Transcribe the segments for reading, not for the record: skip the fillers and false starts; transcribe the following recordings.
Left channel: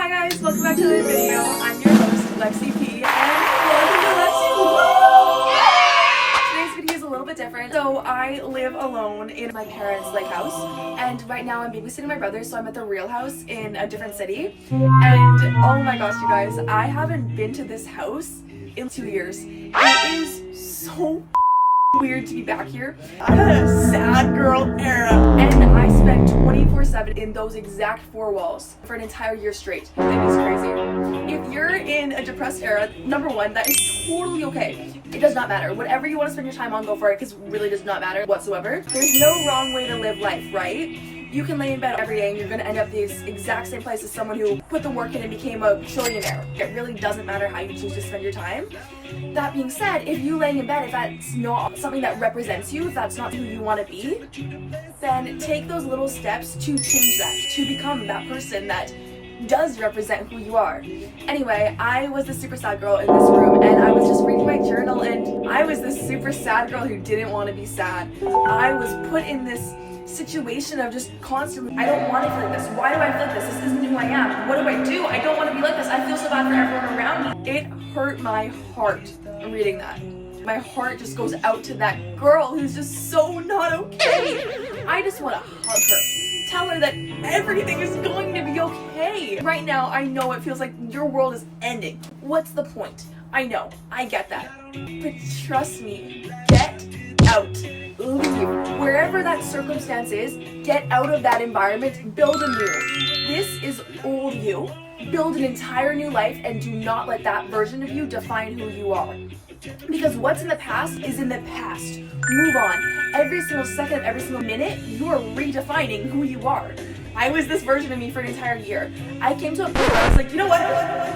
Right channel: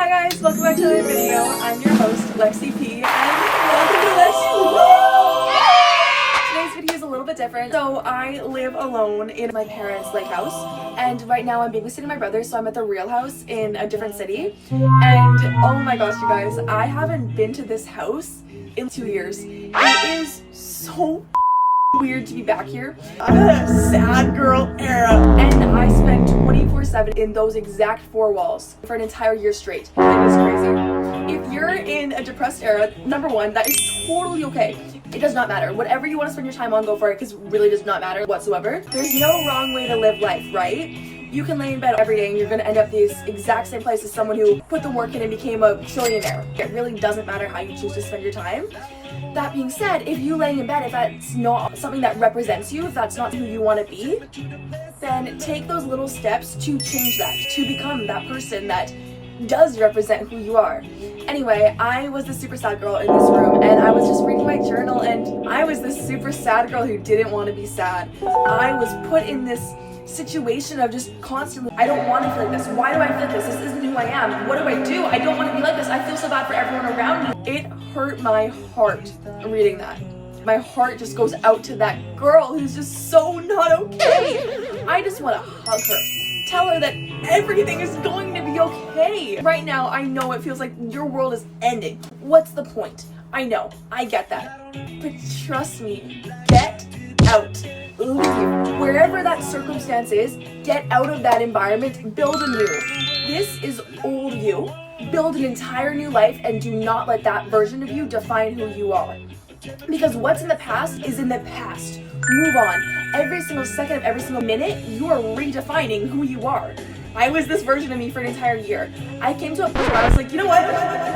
Hi guys, welcome back to another video. I'm your host, Lexi P, and welcome to Lexi. Today's video is a little bit different. So I live alone in my parents' lake house, and right now I'm babysitting my brother, so I'm at the real house in a different city. And oh my gosh, you guys, I haven't been to this house in 2 years. It is so weird to be back here. I had a sad girl era, and I spent 24/7 in those exact four walls for an entire year straight. It was crazy. If you're in a depressed era, number one, that is totally okay. It does not matter. Whatever you want to spend your time on, go for it, because it really does not matter whatsoever. There's no wrong way to live life, right? You can lay in bed every day and you're going to end up the exact same place as someone who put the work in and became a trillionaire. It really doesn't matter how you choose to spend your time. That being said, if you lay in bed, if that's not something that represents you, if that's not who you want to be, then take those little steps to change that, to become that person that does represent who you are. Anyway, I was the super sad girl in this room, and I was just reading my journal, and I was the super sad girl who didn't want to be sad. I was put in this situation of just constantly, I don't want to feel like this. Why do I feel like this? This isn't who I am. What do? I don't want to be like this. I feel so bad for everyone around me. It hurt my heart reading that. My heart just goes out to that girl who's just so not okay. I just want to hug her. Tell her that everything is going to be okay. Right now, I know it feels like your world is ending. What's the point? I know, I get that. But trust me, get out. Leave. Wherever that circumstance is, get out of that environment, build a new. This is old you. Build an entire new life and do not let that version of you define who you are. Because what's in the past is in the past. Move on. Every single second of every single minute, you are redefining who you are. I was this version of me for an entire year. I came to a point where I was like, you know what?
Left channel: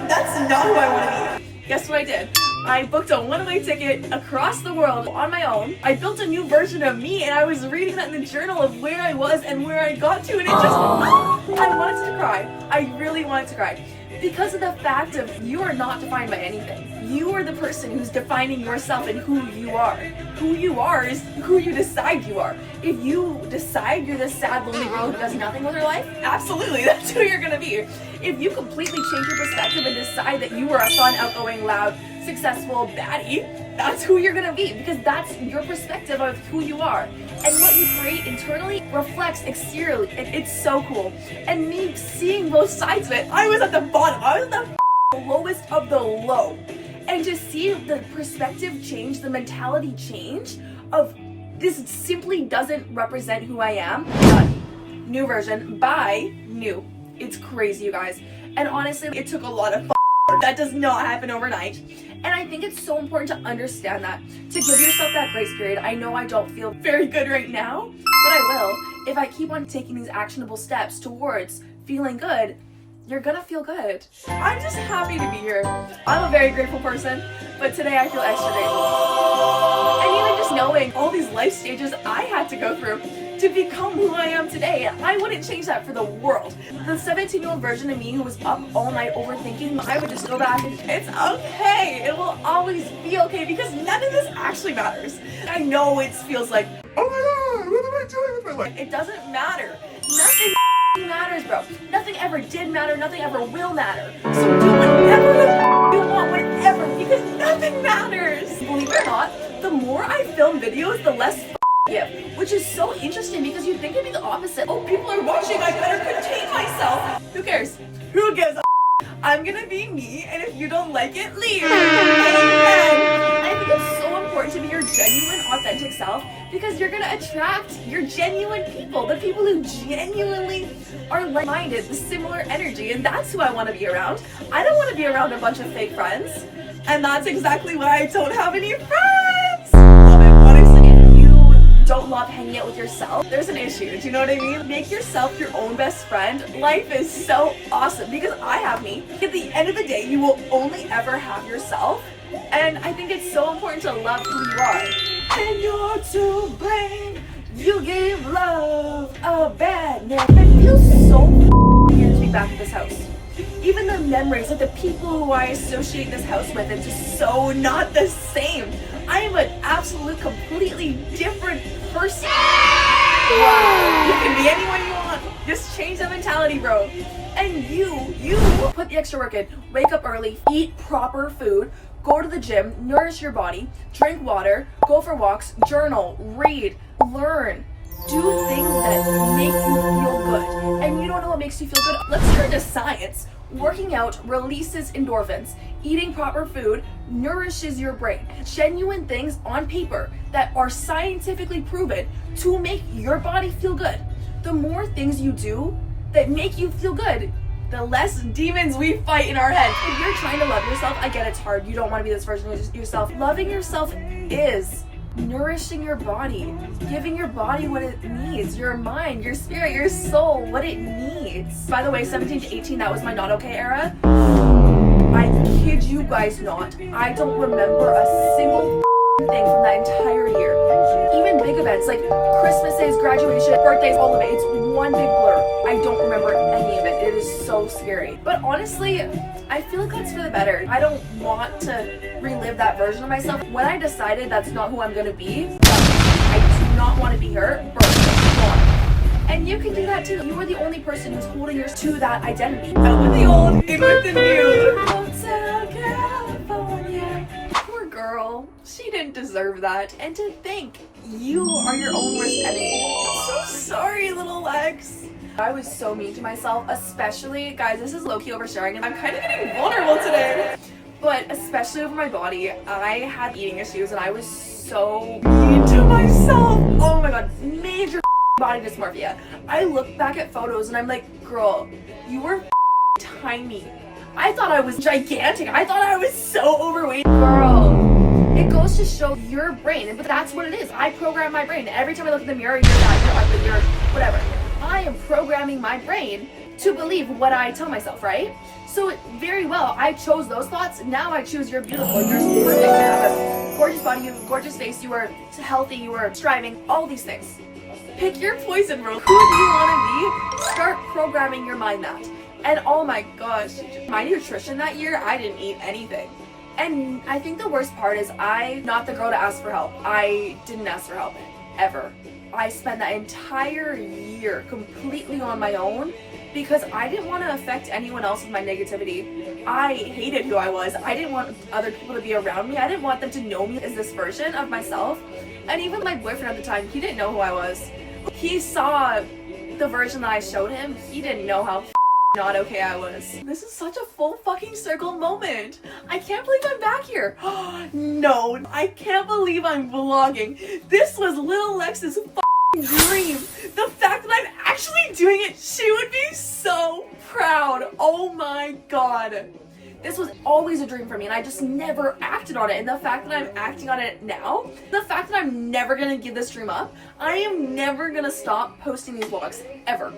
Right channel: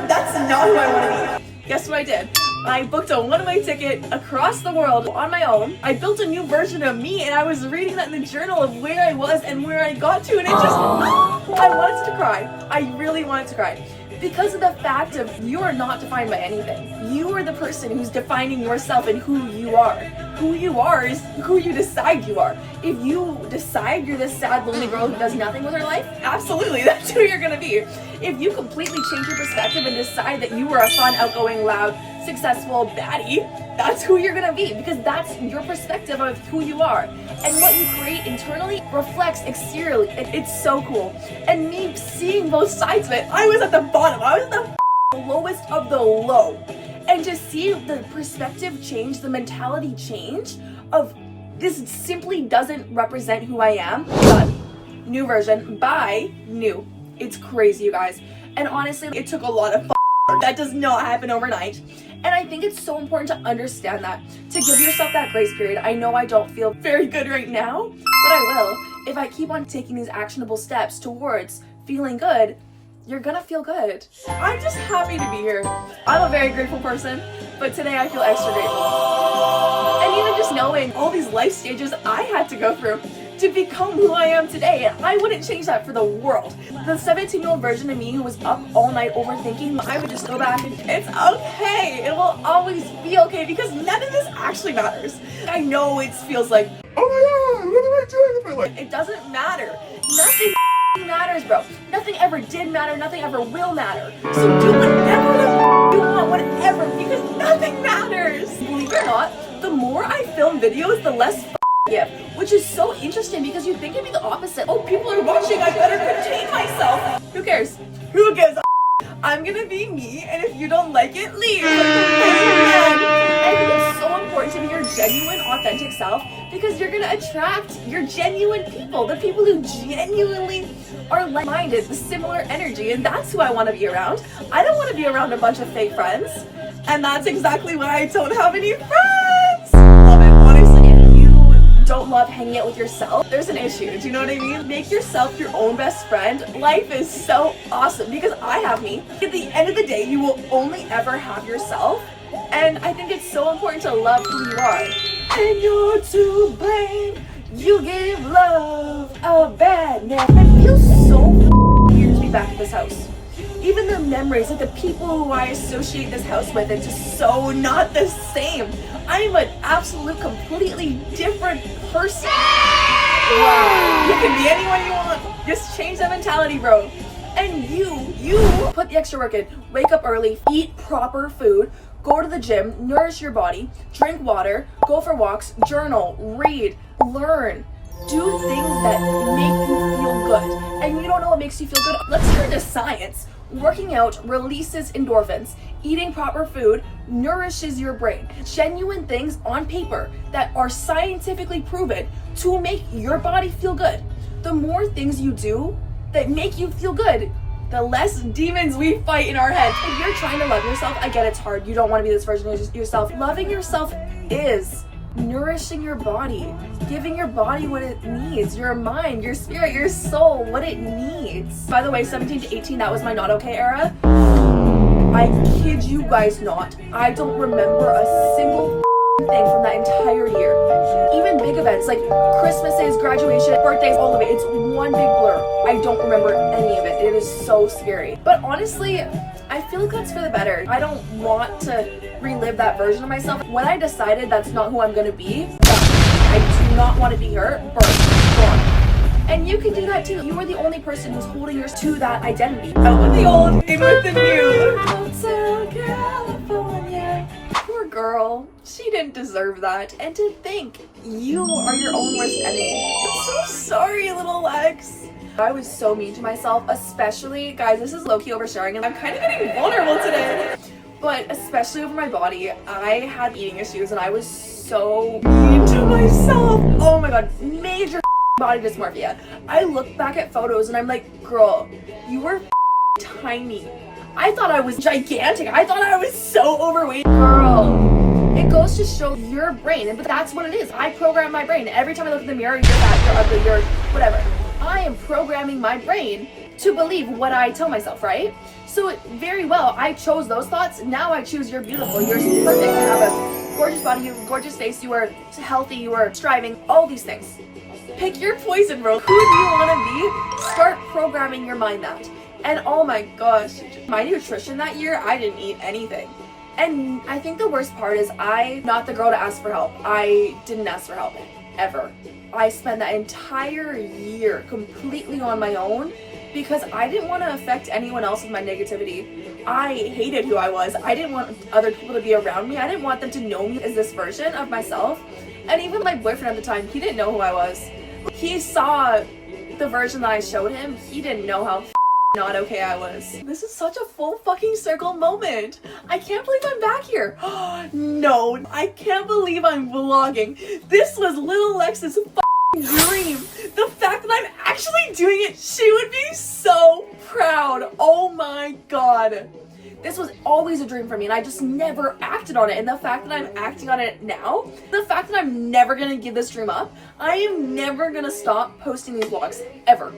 That's not who I want to be. Guess what I did? I booked a one-way ticket across the world on my own. I built a new version of me, and I was reading that in the journal of where I was and where I got to, and it just, I wanted to cry. I really wanted to cry. Because of the fact of you are not defined by anything. You are the person who's defining yourself and who you are. Who you are is who you decide you are. If you decide you're this sad, lonely girl who does nothing with her life, absolutely, that's who you're gonna be. If you completely change your perspective and decide that you are a fun, outgoing, loud, successful baddie, that's who you're gonna be, because that's your perspective of who you are. And what you create internally reflects exteriorly. It's so cool. And me seeing both sides of it, I was at the bottom. I was at the lowest of the low. And to see the perspective change, the mentality change of this simply doesn't represent who I am. Done. New version. Bye. New. It's crazy, you guys. And honestly, it took a lot of that does not happen overnight. And I think it's so important to understand that, to give yourself that grace period. I know I don't feel very good right now, but I will. If I keep on taking these actionable steps towards feeling good, you're gonna feel good. I'm just happy to be here. I'm a very grateful person, but today I feel extra grateful. And even just knowing all these life stages I had to go through to become who I am today, I wouldn't change that for the world. The 17-year-old version of me who was up all night overthinking, I would just go back and it's okay. It will always be okay, because none of this actually matters. I know it feels like, oh my god, what am I doing with my life? It doesn't matter. Nothing matters, bro. Nothing ever did matter. Nothing ever will matter. So do whatever the you want, whatever, because nothing matters. Believe it or not, the more I film videos, the less give, which is so interesting, because you think it'd be the opposite. Oh, people are watching, I better contain myself. Who cares? Who gives a I'm gonna be me, and if you don't like it, leave. I think it's so important to be your genuine, authentic self, because you're gonna attract your genuine people, the people who genuinely are like-minded, the similar energy, and that's who I want to be around. I don't want to be around a bunch of fake friends, and that's exactly why I don't have any friends. Love it, honestly. If you don't love hanging out with yourself, there's an issue. Do you know what I mean? Make yourself your own best friend. Life is so awesome, because I have me. At the end of the day, you will only ever have yourself. And I think it's so important to love who you are. And you're to blame. You give love a bad name. It feels so weird to be back at this house. Even the memories of the people who I associate this house with, it's just so not the same. I am an absolute, completely different person. Wow. You can be anyone you want. Just change that mentality, bro. And you put put the extra work in. Wake up early, eat proper food, go to the gym, nourish your body, drink water, go for walks, journal, read, learn. Do things that make you feel good. And you don't know what makes you feel good? Let's turn to science. Working out releases endorphins. Eating proper food nourishes your brain. Genuine things on paper that are scientifically proven to make your body feel good. The more things you do that make you feel good, the less demons we fight in our head. If you're trying to love yourself, I get it's hard. You don't want to be this version of yourself. Loving yourself is nourishing your body, giving your body what it needs, your mind, your spirit, your soul, what it needs. By the way, 17 to 18, that was my not okay era. I kid you guys not. I don't remember a single thing from that entire year. Even big events like Christmases, graduation, birthdays, all of it. It's one big blur. I don't remember any of it. It is so scary. But honestly, I feel like that's for the better. I don't want to relive that version of myself. When I decided that's not who I'm gonna be, I do not want to be her, gone. And you can do that too. You are the only person who's holding yours to that identity. Out with the old, in with the new. Hotel California. Poor girl. She didn't deserve that. And to think you are your own worst enemy. I'm so sorry, little Lex. I was so mean to myself, especially, guys, this is low-key oversharing and I'm kind of getting vulnerable today. But especially over my body, I had eating issues and I was so mean to myself. Oh my god, major body dysmorphia. I look back at photos and I'm like, girl, you were tiny. I thought I was gigantic. I thought I was so overweight. Girl, it goes to show your brain, but that's what it is. I program my brain. Every time I look in the mirror, you're fat, you're ugly, you're whatever. I am programming my brain to believe what I tell myself, right? So very well, I chose those thoughts. Now I choose you're beautiful, you're perfect, you have a gorgeous body, you have a gorgeous face, you are healthy, you are striving, all these things. Pick your poison, bro. Who do you want to be? Start programming your mind that. And oh my gosh, my nutrition that year, I didn't eat anything. And I think the worst part is I'm not the girl to ask for help. I didn't ask for help, ever. I spent that entire year completely on my own because I didn't want to affect anyone else with my negativity. I hated who I was. I didn't want other people to be around me. I didn't want them to know me as this version of myself. And even my boyfriend at the time, he didn't know who I was. He saw the version that I showed him. He didn't know how not okay I was. This is such a full fucking circle moment. I can't believe I'm back here. No, I can't believe I'm vlogging. This was little Lex's dream. The fact that I'm actually doing it, she would be so proud. Oh my god. This was always a dream for me and I just never acted on it. And the fact that I'm acting on it now, the fact that I'm never gonna give this dream up, I am never gonna stop posting these vlogs, ever.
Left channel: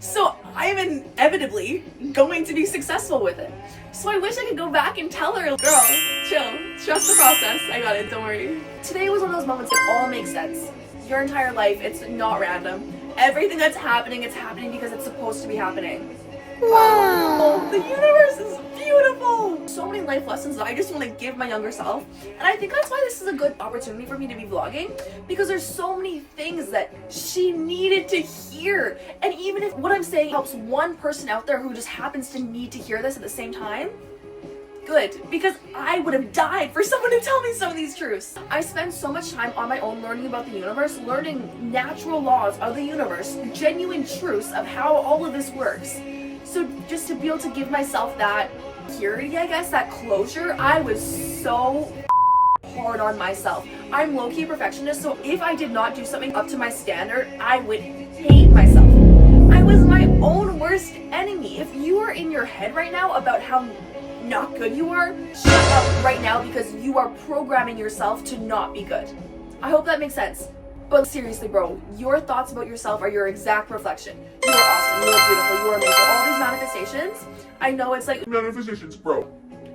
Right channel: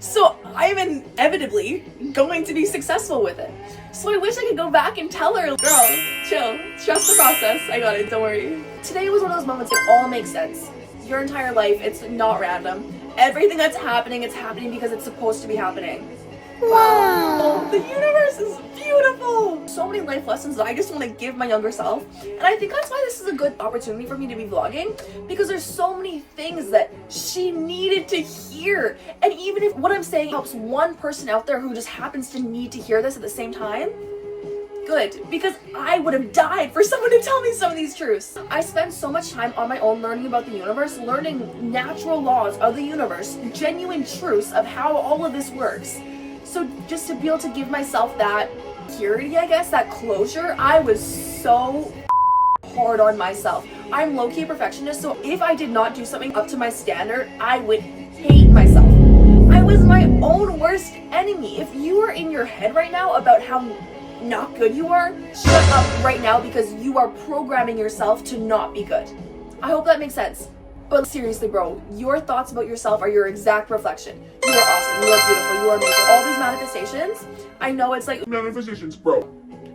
So I am inevitably going to be successful with it. So I wish I could go back and tell her, girl, chill, trust the process. I got it, don't worry. Today was one of those moments that all makes sense. Your entire life, it's not random. Everything that's happening, it's happening because it's supposed to be happening. Wow, the universe is beautiful. So many life lessons that I just want to give my younger self. And I think that's why this is a good opportunity for me to be vlogging, because there's so many things that she needed to hear. And even if what I'm saying helps one person out there who just happens to need to hear this at the same time, good, because I would have died for someone to tell me some of these truths. I spend so much time on my own learning about the universe, learning natural laws of the universe, genuine truths of how all of this works. So just to be able to give myself that purity, I guess, that closure, I was so hard on myself. I'm low-key a perfectionist, so if I did not do something up to my standard, I would hate myself. I was my own worst enemy. If you are in your head right now about how not good you are, shut up right now because you are programming yourself to not be good. I hope that makes sense. But seriously, bro, your thoughts about yourself are your exact reflection. You are awesome, you are beautiful, you are amazing. All these manifestations, I know it's like manifestations, bro.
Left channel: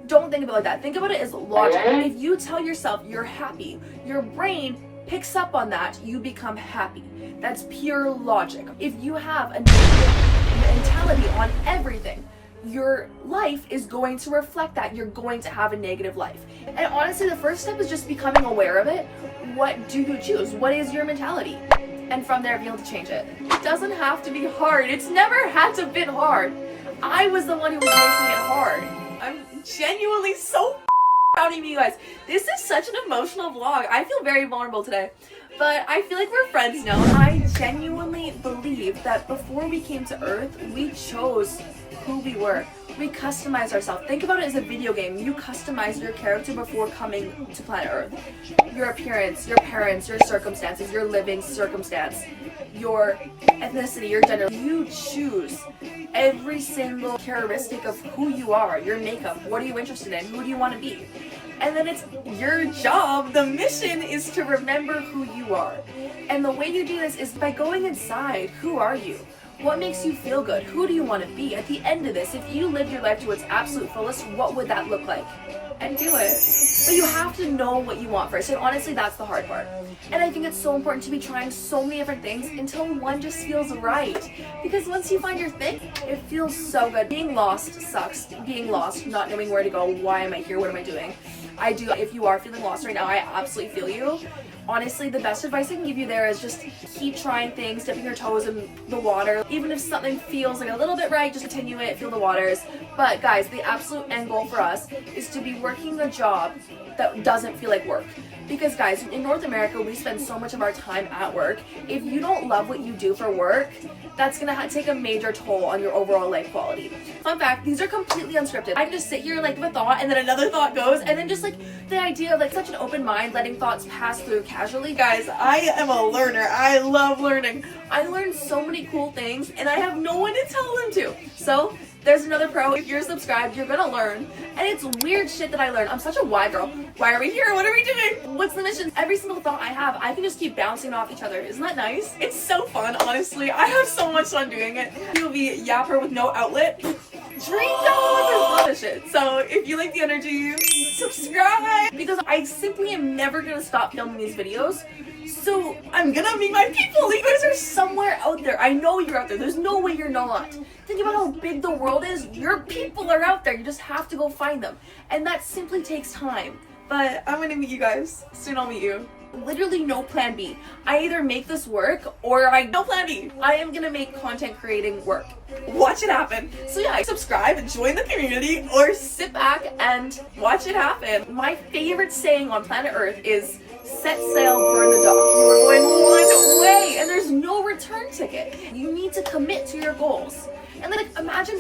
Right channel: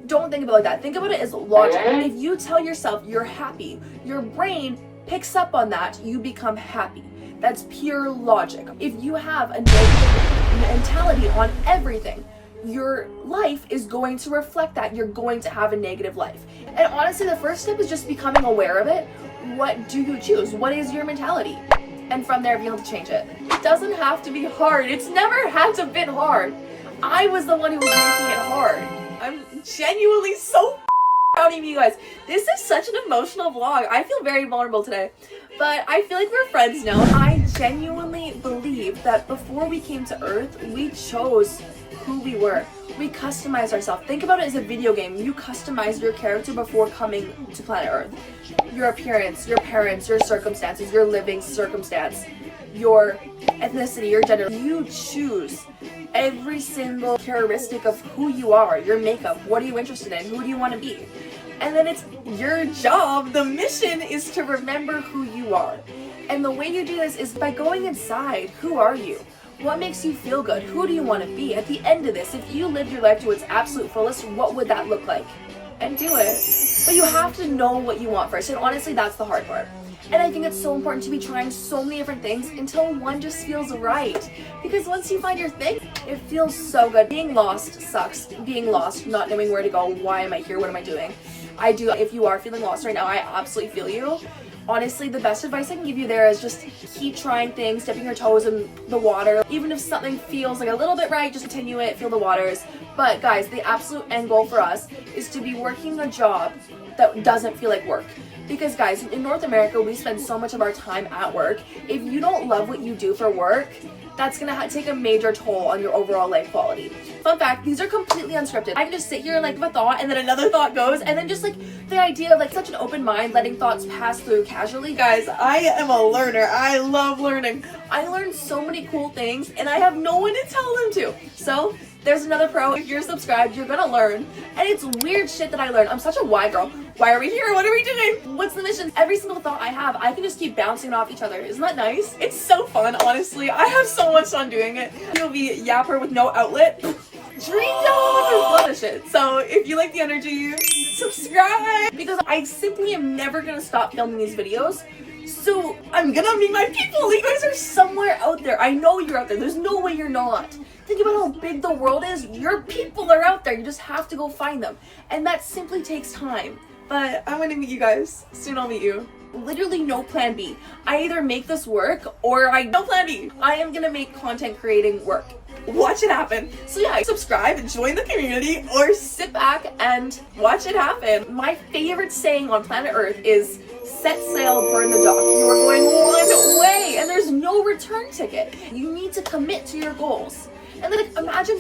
Don't think about it like that. Think about it as logic. If you tell yourself you're happy, your brain picks up on that, you become happy. That's pure logic. If you have a negative mentality on everything, your life is going to reflect that. You're going to have a negative life. And honestly, the first step is just becoming aware of it. What do you choose? What is your mentality? And from there, be able to change it. It doesn't have to be hard. It's never had to be hard. I was the one who was making it hard. I'm genuinely so proud of you guys. This is such an emotional vlog. I feel very vulnerable today, but I feel like we're friends now. I genuinely believe that before we came to Earth, we chose who we were. We customized ourselves. Think about it as a video game. You customize your character before coming to planet Earth. Your appearance, your parents, your circumstances, your living circumstance, your ethnicity, your gender. You choose every single characteristic of who you are, your makeup, what are you interested in, who do you want to be? And then it's your job, the mission is to remember who you are. And the way you do this is by going inside. Who are you? What makes you feel good? Who do you want to be? At the end of this, if you lived your life to its absolute fullest, what would that look like? And do it. But you have to know what you want first. And honestly, that's the hard part. And I think it's so important to be trying so many different things until one just feels right. Because once you find your thing, it feels so good. Being lost sucks. Being lost, not knowing where to go. Why am I here? What am I doing? I do. If you are feeling lost right now, I absolutely feel you. Honestly, the best advice I can give you there is just keep trying things, dipping your toes in the water. Even if something feels like a little bit right, just continue it, feel the waters. But guys, the absolute end goal for us is to be working a job that doesn't feel like work. Because guys, in North America, we spend so much of our time at work. If you don't love what you do for work, that's gonna take a major toll on your overall life quality. Fun fact, these are completely unscripted. I can just sit here and like have a thought and then another thought goes, and then just like the idea of like such an open mind, letting thoughts pass through casually. Guys, I am a learner. I love learning. I learned so many cool things and I have no one to tell them to. So there's another pro. If you're subscribed, you're gonna learn. And it's weird shit that I learned. I'm such a why girl. Why are we here? What are we doing? What's the mission? Every single thought I have, I can just keep bouncing off each other. Isn't that nice? It's so fun, honestly. I have so much fun doing it. You'll be yapper with no outlet. Dream job! Love this shit. So if you like the energy, subscribe! Because I simply am never gonna stop filming these videos. So I'm gonna meet my people. You guys are somewhere out there. I know you're out there. There's no way you're not. Think about how big the world is. Your people are out there. You just have to go find them. And that simply takes time. But I'm gonna meet you guys. Soon I'll meet you. Literally no plan B. I either make this work or no plan B. I am gonna make content creating work. Watch it happen. So yeah, subscribe, join the community, or sit back and watch it happen. My favorite saying on planet Earth is set sail, burn the dock. You are going one way and there's no return ticket. You need to commit to your goals. And then like, imagine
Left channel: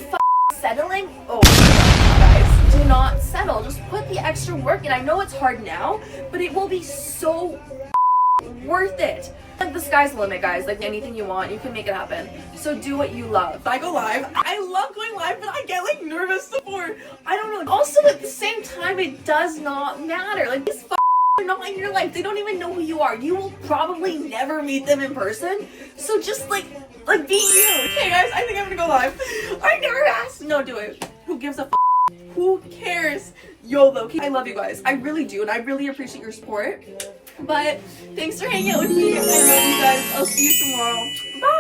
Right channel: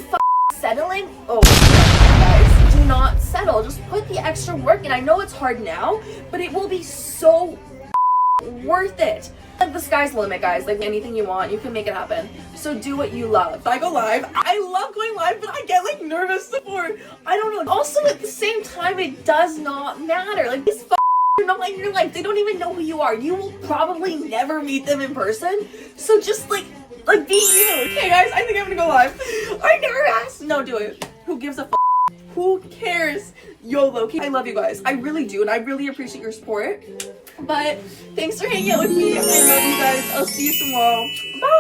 settling. Oh, guys, do not settle. Just put the extra work in. I know it's hard now, but it will be so worth it. Like the sky's the limit, guys. Like anything you want, you can make it happen. So do what you love. I go live. I love going live, but I get like nervous before. I don't know. Also, at the same time, it does not matter. Like these are not in your life. They don't even know who you are. You will probably never meet them in person. So just like be you. Okay, guys, I think I'm gonna go live. I'm nervous. No, do it. Who gives a f? Who cares? YOLO. I love you guys. I really do, and I really appreciate your support. But thanks for hanging out with me. I love you guys. I'll see you tomorrow. Bye.